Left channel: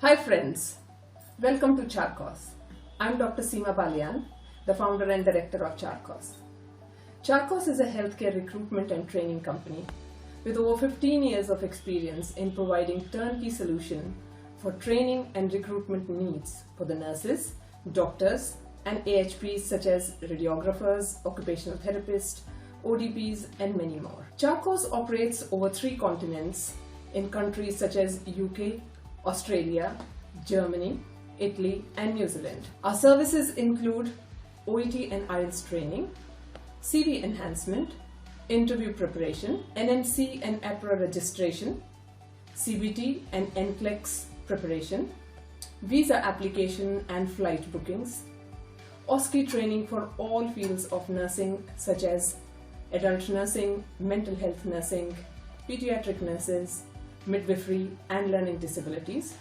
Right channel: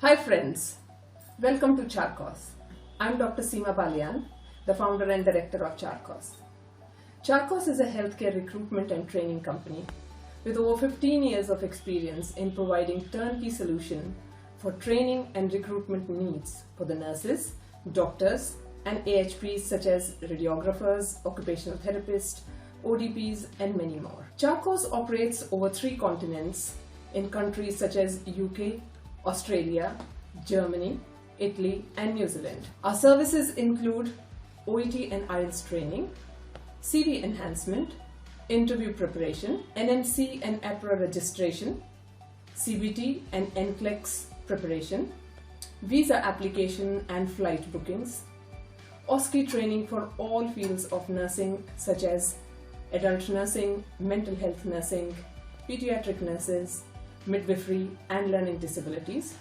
Hi friends, welcome to Charkos. I'm Dr. Seema Balian, the founder and director of Charkos. Charkos is a healthcare recruitment and training company with over 15 years of experience in providing turnkey solution for training and recruitment needs for the nurses, doctors and AHPs such as radiographers, occupational therapists, ODPs and many more. Charkos operates over 3 continents in countries such as UK, Australia, Germany, Italy and New Zealand. Our services include OET and IELTS training, CV enhancement, interview preparation, NMC and APRA registration, CBT and NCLEX preparation, visa application and flight bookings, OSCE training for all fields of nursing such as adult nursing, mental health nursing, pediatric nurses, midwifery and learning disabilities.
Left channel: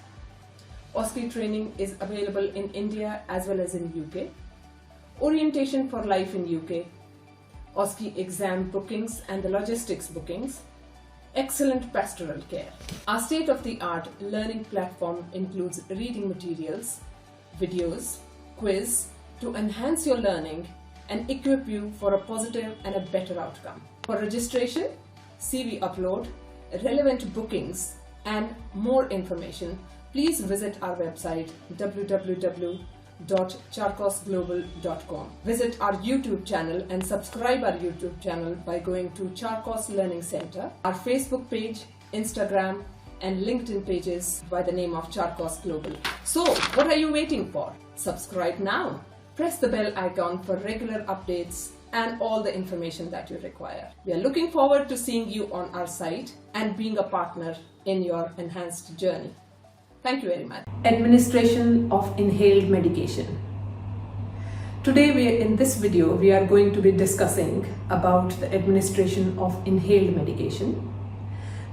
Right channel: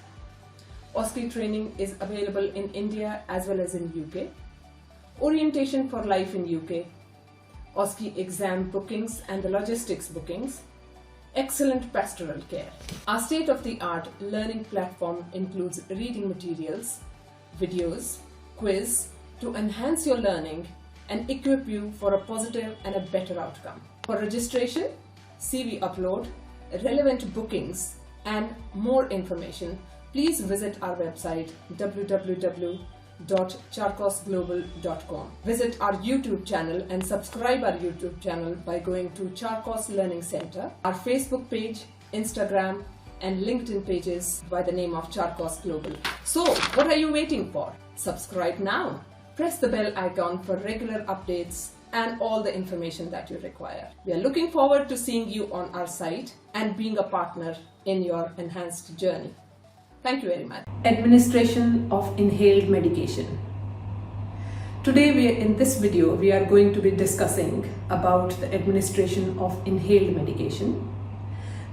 OSCE training is available in India as well as in UK. Orientation for life in UK. OSCE exam bookings and the logistics bookings. Excellent pastoral care. Our state-of-the-art learning platform includes reading materials, videos, quiz to enhance your learning and equip you for a positive and a better outcome. For registration, CV upload, relevant bookings and more information, please visit our website www.charkosglobal.com. Visit our YouTube channel and subscribe our YouTube channel by going to Charkos Learning Center, our Facebook page, Instagram and LinkedIn pages by the name of Charkos Global. So what are you waiting for? Subscribe now. Press the bell icon for regular updates and all the information that you require. We are looking forward to seeing you on our site and being a partner in your enhanced journey. Thank you very much. Administration of inhaled medication. Today in this video we are going to be discussing about the administration of inhaled medication.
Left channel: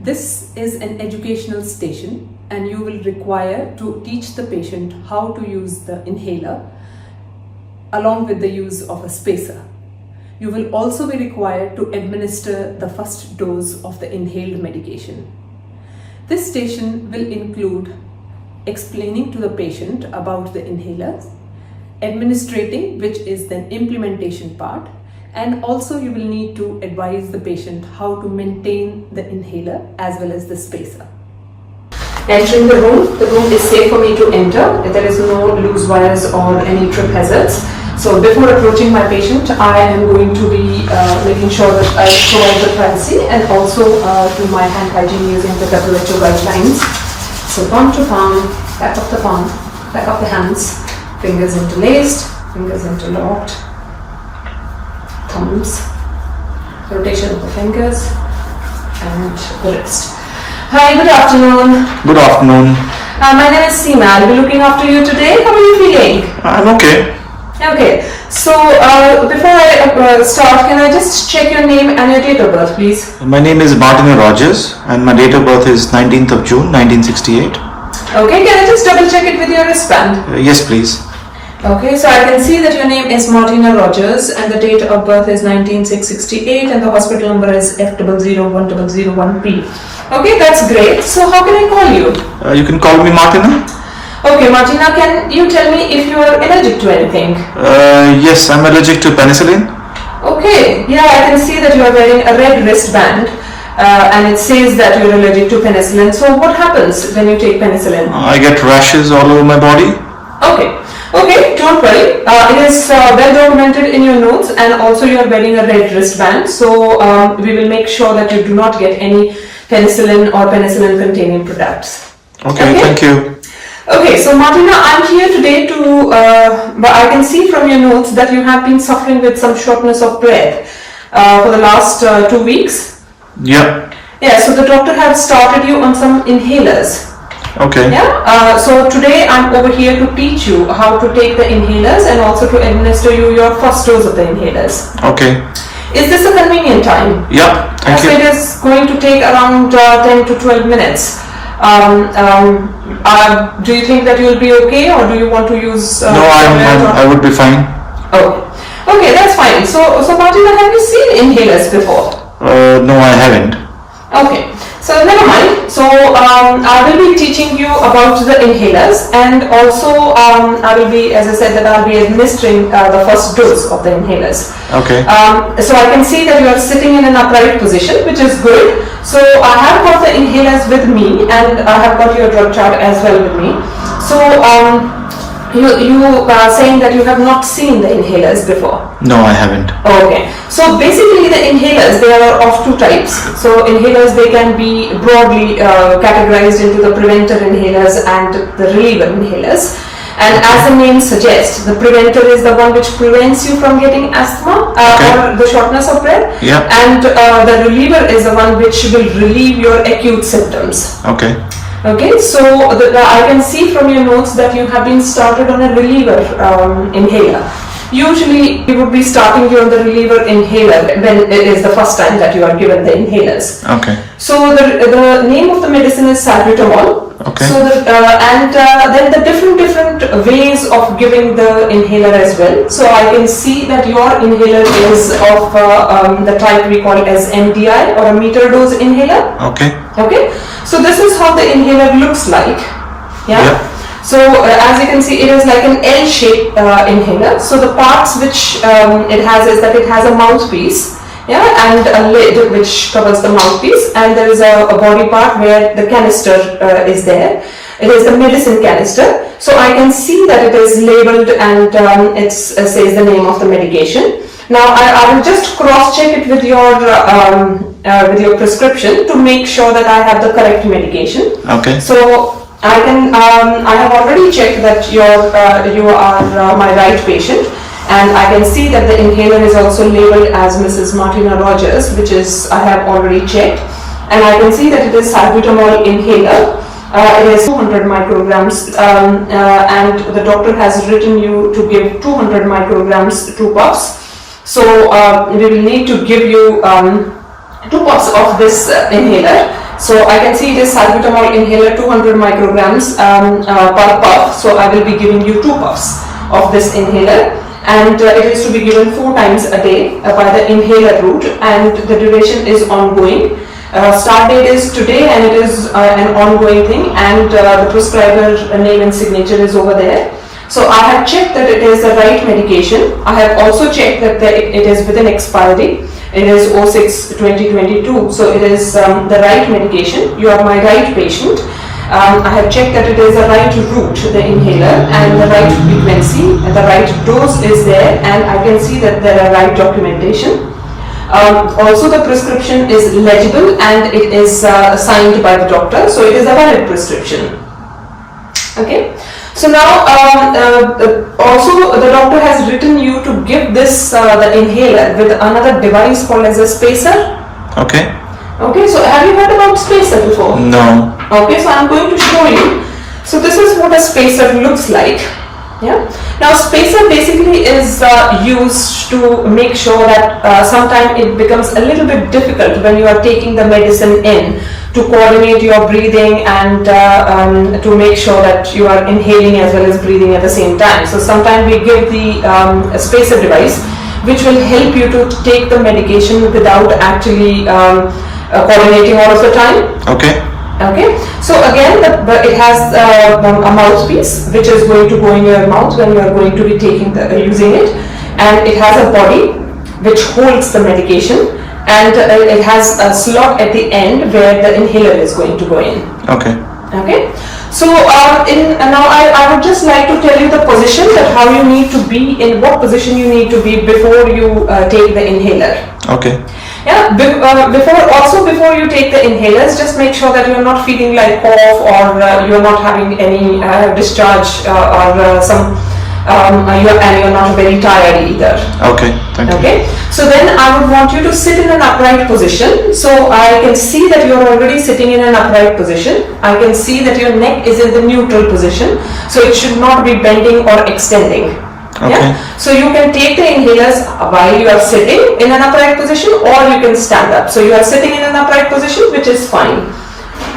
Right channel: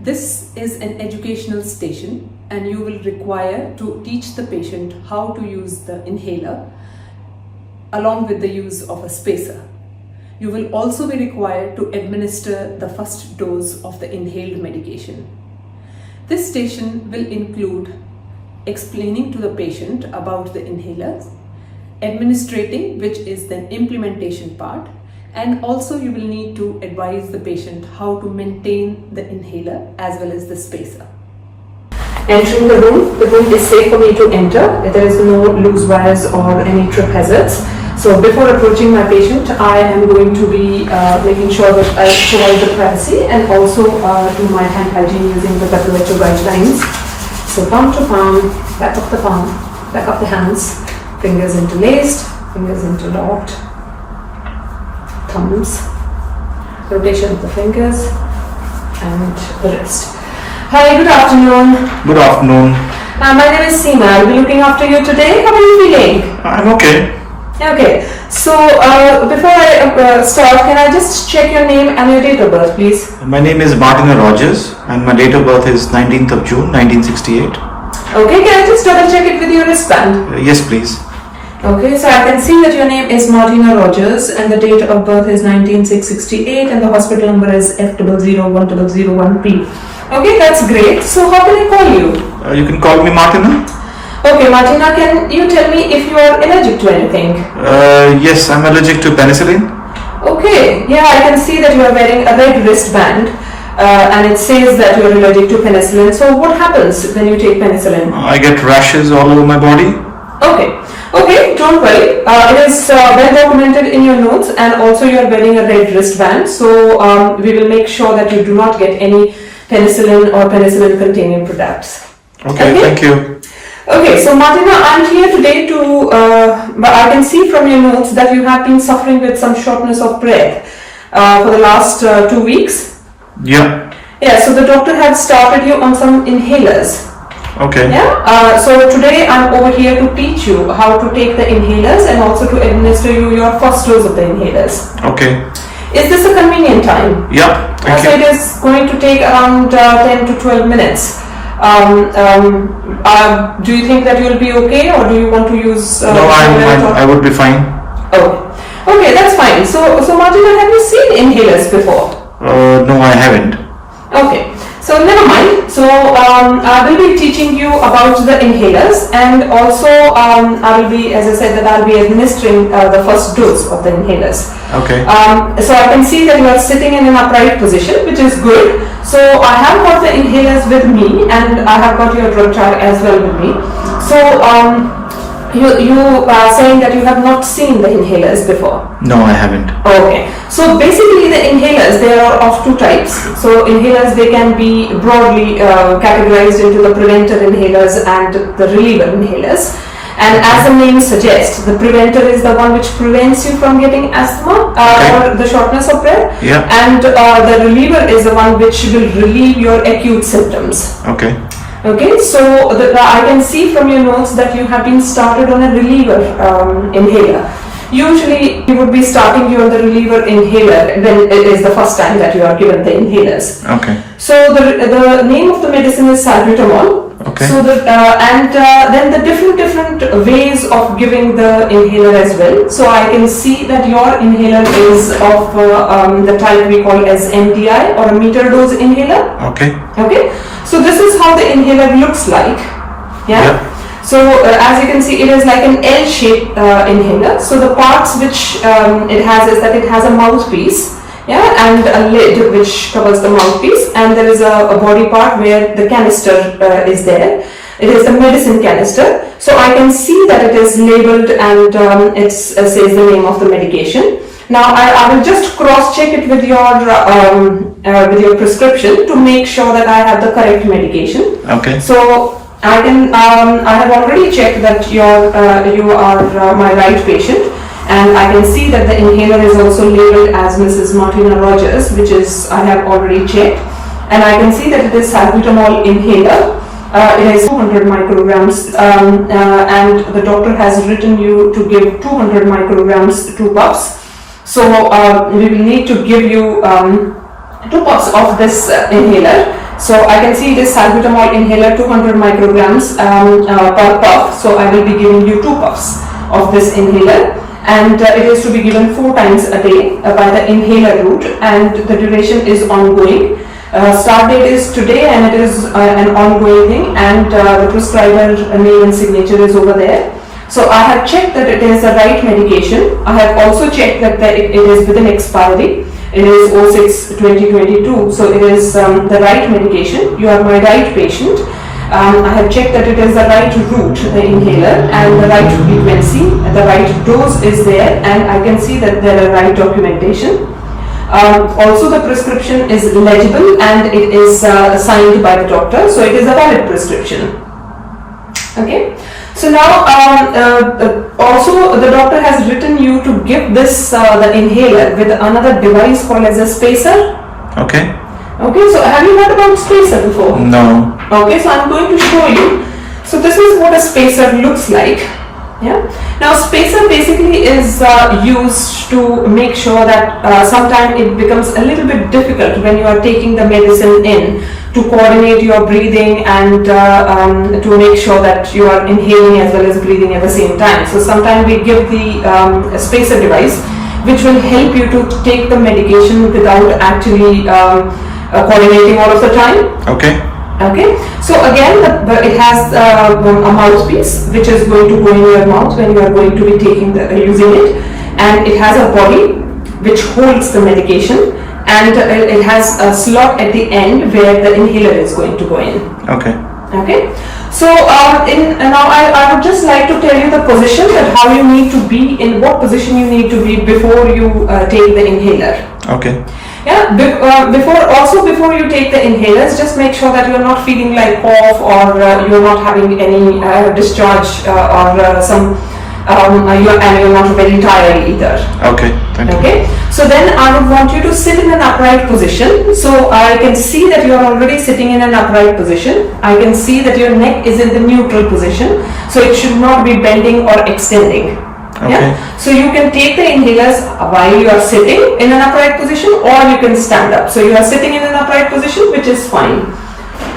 This is an educational station and you will require to teach the patient how to use the inhaler along with the use of a spacer. You will also be required to administer the first dose of the inhaled medication. This station will include explaining to the patient about the inhalers, administrating, which is the implementation part, and also you will need to advise the patient how to maintain the inhaler as well as the spacer. Entering the room is safe for me to enter. There is no loose wires or any trip hazards. So before approaching my patient, I am going to be making sure that I provide the privacy and also do my hand hygiene using the WHO guidelines. So palm to palm, back up the palm, back up the hands, fingers interlaced, fingers interlocked, thumbs, rotation of the fingers and the wrist. Hi, good afternoon. Good afternoon. My name is Seema. I'll be looking after you today. How are you feeling? I'm okay. Okay, so before I start, can I just check your name and your date of birth, please? My name is Martina Rogers and my date of birth is 19th of June 1968. Okay, can I just double check it with your wristband? Yes, please. Okay, so I can see that your name is Martina Rogers and the date of birth is 1968 and the hospital number is F001001P. Okay, that's great. So how can I call you? You can call me Martina. Okay, Martina, can you tell me if you are allergic to anything? Yes, I'm allergic to penicillin. Okay, yeah, I can see that you are wearing a red wristband and it says that you are allergic to penicillin. So what happens when you take penicillin? I get rashes all over my body. Okay, don't worry. It is well documented in your notes and also you are wearing a red wristband. So we will make sure that you do not get any penicillin or penicillin containing products. Okay, thank you. Okay, so Martina, I'm here today to, I can see from your notes that you have been suffering with some shortness of breath for the last 2 weeks. Yeah. Yeah, so the doctor had started you on some inhalers. Okay. Yeah, so today I'm over here to teach you how to take the inhalers and also to administer you your first dose of the inhalers. Okay. Is this a convenient time? Yeah, thank you. So it is going to take around 10 to 12 minutes. Do you think that you will be okay or do you want to use... No, I would be fine. Okay, that's fine. So Martina, have you seen inhalers before? No, I haven't. Okay, So never mind. So I will be teaching you about the inhalers, and also I will be, as I said, that I'll be administering the first dose of the inhalers. Okay. So I can see that you are sitting in an upright position, which is good. So I have got the inhalers with me, and I have got your drug chart as well with me. So you are saying that you have not seen the inhalers before. No, I haven't. Okay. So basically the inhalers, they are of two types. So inhalers, they can be broadly categorized into the preventer inhalers and the reliever inhalers. And as the name suggests, the preventer is the one which prevents you from getting asthma or the shortness of breath. Yeah. And the reliever is the one which will relieve your acute symptoms. Okay. Okay, so I can see from your notes that you have been started on a reliever inhaler. Usually you would be starting you on the reliever inhaler when it is the first time that you are given the inhalers. Okay. So the name of the medicine is salbutamol. Okay. So then the different ways of giving the inhaler as well. So I can see that your inhaler is of the type we call as MDI, or a meter dose inhaler. Okay. Okay. So this is how the inhaler looks like. Yeah. So as you can see, it is like an L-shaped inhaler. So the parts which it has is that it has a mouthpiece, and a lid which covers the mouthpiece, and there is a body part where the canister is there. It is the medicine canister. So I can see that it is labeled, and it says the name of the medication. Now I will just cross-check it with your prescription to make sure that I have the correct medication. Okay. So I have already checked that you are my right patient, and I can see that the inhaler is also labeled as Mrs. Martina Rogers, which is I have already checked, and I can see that it is salbutamol inhaler. It is 200 micrograms, and the doctor has written you to give 200 micrograms, 2 puffs. So we will need to give you 2 puffs of this inhaler. So I can see it is salbutamol inhaler 200 micrograms per puff. So I will be giving you 2 puffs of this inhaler, and it is to be given 4 times a day by the inhaler route, and the duration is ongoing. Start date is today, and it is an ongoing thing, and the prescriber name and signature is over there. So I have checked that it is the right medication. I have also checked that it is within expiry. It is 06/2022. So it is the right medication. You are my right patient. I have checked that it is the right route, the inhaler, and the right frequency. The right dose is there, and I can see that there are right documentation. Also the prescription is legible, and it is signed by the doctor. So it is a valid prescription. Okay. So now also the doctor has written you to give this the inhaler with another device called as a spacer. Okay. Okay, so have you heard about spacer before? No. Okay, so I'm going to show you. So this is what a spacer looks like. Yeah. Now spacer basically is used to make sure that sometimes it becomes a little bit difficult when you are taking the medicine in, to coordinate your breathing and to make sure that you are inhaling as well as breathing at the same time. So sometimes we give the spacer device, which will help you to take the medication without actually coordinating all of the time. Okay. Okay, so again it has a mouthpiece which is going to go in your mouth when you are going to be using it, and it has a body which holds the medication, and it has a slot at the end where the inhaler is going to go in. Okay. Okay, so now I would just like to tell you the position, that how you need to be, in what position you need to be before you take the inhaler. Okay. Yeah, before you take the inhalers, just make sure that you are not feeling like cough, or you are not having any discharge, or you're not very tired either. Okay, thank you. Okay, so then I would want you to sit in an upright position. So I can see that you are already sitting in an upright position. I can see that your neck is in the neutral position, so it should not be bending or extending. Okay. Yeah? So you can take the inhalers while you are sitting in an upright position, or you can stand up. So you are sitting in an upright position, which is fine.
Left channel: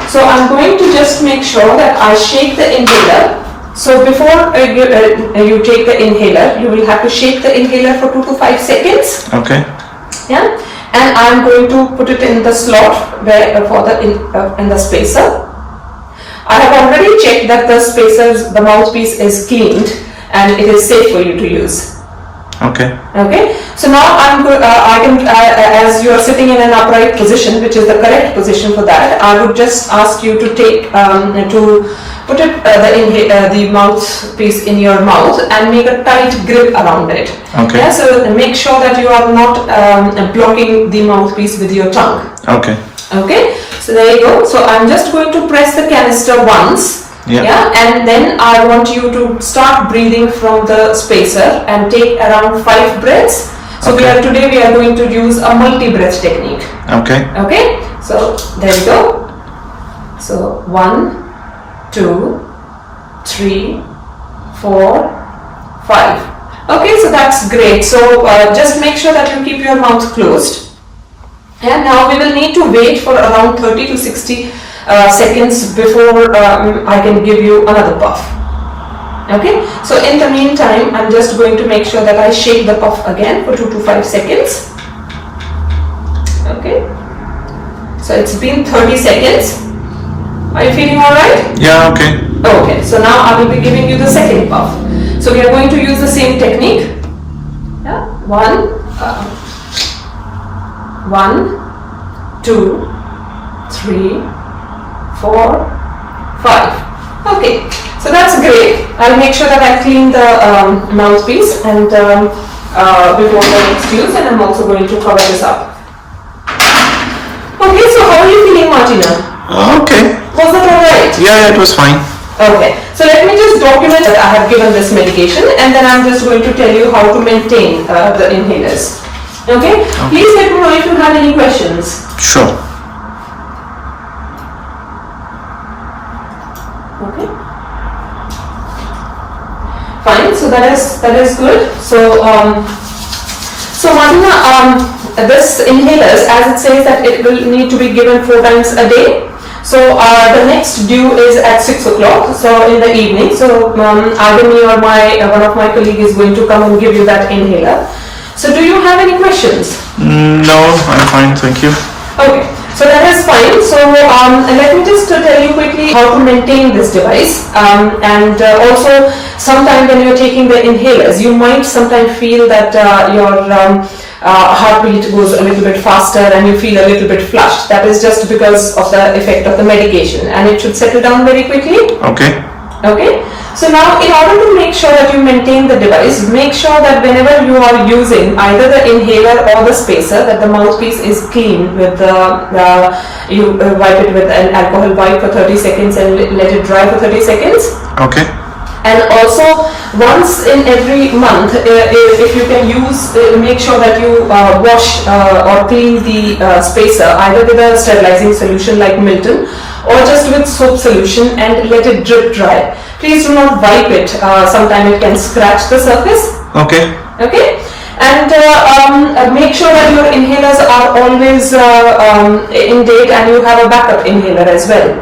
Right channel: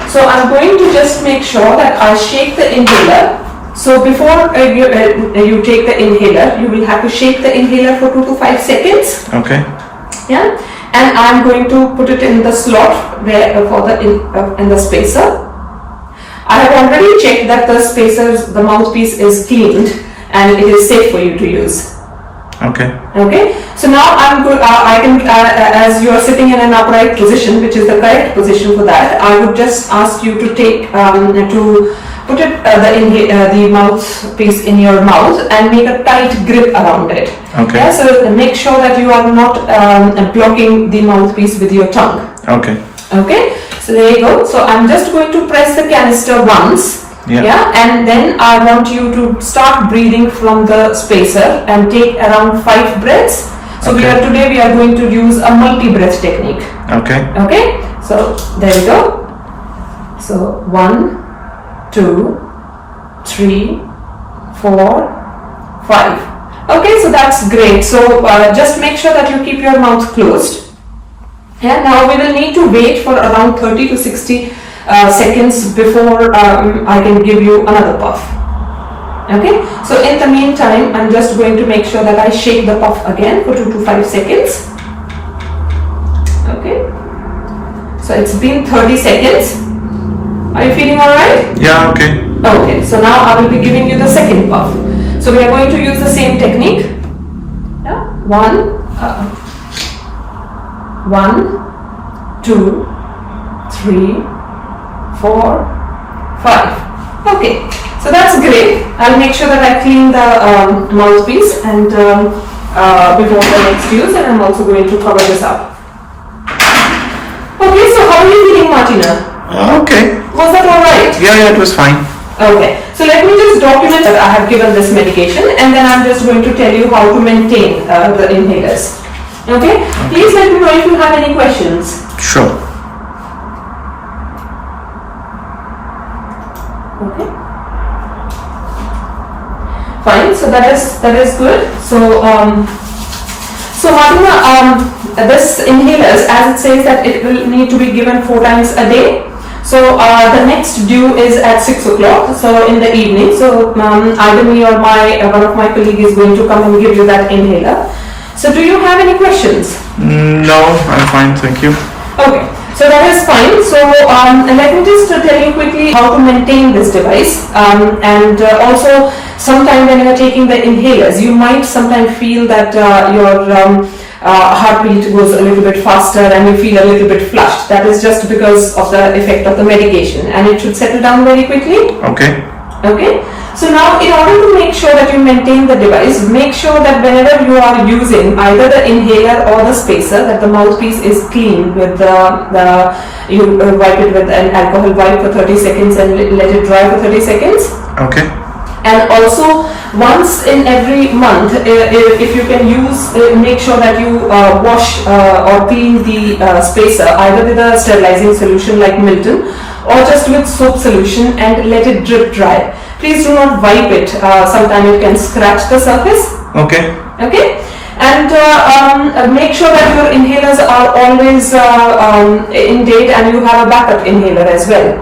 So I'm going to just make sure that I shake the inhaler. So before you take the inhaler, you will have to shake the inhaler for 2 to 5 seconds. Okay. Yeah. and I'm going to put it in the slot where in the spacer. I have already checked that the mouthpiece is cleaned and it is safe for you to use. Okay. Okay. So now I can, as you are sitting in an upright position, which is the correct position for that, I would just ask you to put the mouthpiece in your mouth and make a tight grip around it. Okay. Yeah, so make sure that you are not blocking the mouthpiece with your tongue. Okay. Okay. So there you go. So I'm just going to press the canister once. Yeah, and then I want you to start breathing from the spacer and take around 5 breaths. So today we are going to use a multi-breath technique. Okay. Okay, so there we go. So 1, 2, 3, 4, 5. Okay, so that's great. So just make sure that you keep your mouth closed. And now we will need to wait for around 30 to 60 seconds before I can give you another puff. Okay, so in the meantime, I'm just going to make sure that I shake the puff again for 2 to 5 seconds. Okay, so it's been 30 seconds. Are you feeling alright? Yeah, okay. Okay, so now I will be giving you the second puff. So we are going to use the same technique. Yeah, 1, 2, 3, 4, 5. Okay, so that's great. I'll make sure that I clean the mouthpiece and before the next use, and I'm also going to cover this up. Okay, so how are you feeling, Martina? Okay. Was that alright? Yeah, it was fine. Okay, so let me just document that I have given this medication, and then I'm just going to tell you how to maintain the inhalers. Okay? Please let me know if you have any questions. Sure. Okay. Fine. So that is good. So Martina, this inhalers, as it says that it will need to be given 4 times a day. So the next due is at 6 o'clock. So in the evening. So either me or one of my colleagues is going to come and give you that inhaler. So do you have any questions? No, I'm fine. Thank you. Okay. So that is fine. So let me just tell you quickly how to maintain this device, and also sometime when you are taking the inhalers, you might sometimes feel that your heartbeat goes a little bit faster and you feel a little bit flushed. That is just because of the effect of the medication, and it should settle down very quickly. Okay. Okay. So now, in order to make sure that you maintain the device, make sure that whenever you are using either the inhaler or the spacer, that the mouthpiece is clean with you wipe it with an alcohol wipe for 30 seconds and let it dry for 30 seconds. Okay. And also, once in every month, if you can use, make sure that you wash or clean the spacer either with a sterilizing solution like Milton or just with soap solution and let it drip dry. Please do not wipe it. Sometimes it can scratch the surface. Okay. Okay. And make sure that your inhalers are always in date and you have a backup inhaler as well.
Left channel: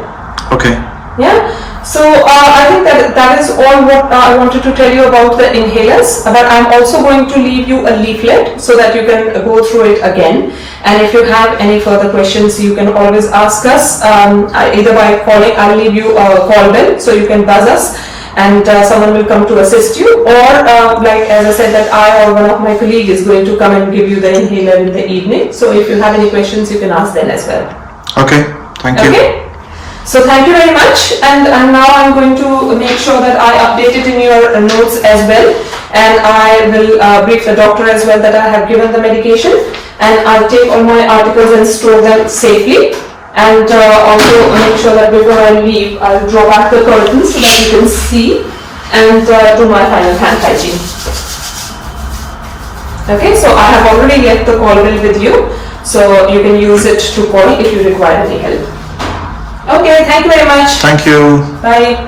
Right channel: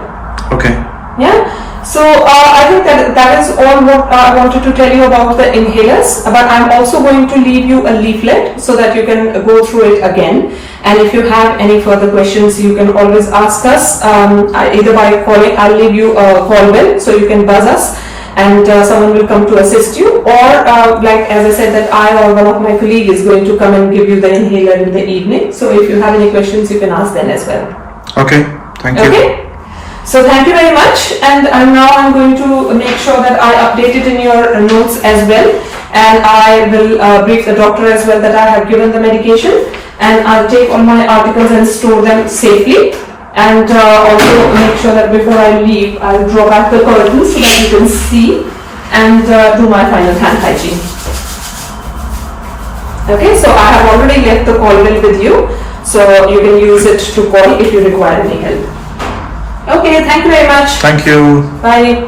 Okay. Yeah. So I think that is all what I wanted to tell you about the inhalers. But I'm also going to leave you a leaflet so that you can go through it again. And if you have any further questions, you can always ask us either by calling. I'll leave you a call bell so you can buzz us, and someone will come to assist you. Or like as I said, that I or one of my colleagues is going to come and give you the inhaler in the evening. So if you have any questions, you can ask them as well. Okay. Thank you. Okay. So thank you very much, and now I'm going to make sure that I update it in your notes as well, and I will brief the doctor as well that I have given the medication, and I'll take all my articles and store them safely, and also make sure that before I leave I'll draw back the curtains so that you can see, and do my final hand hygiene. Okay, so I have already left the call bill with you, so you can use it to call if you require any help. Okay, thank you very much. Thank you. Bye.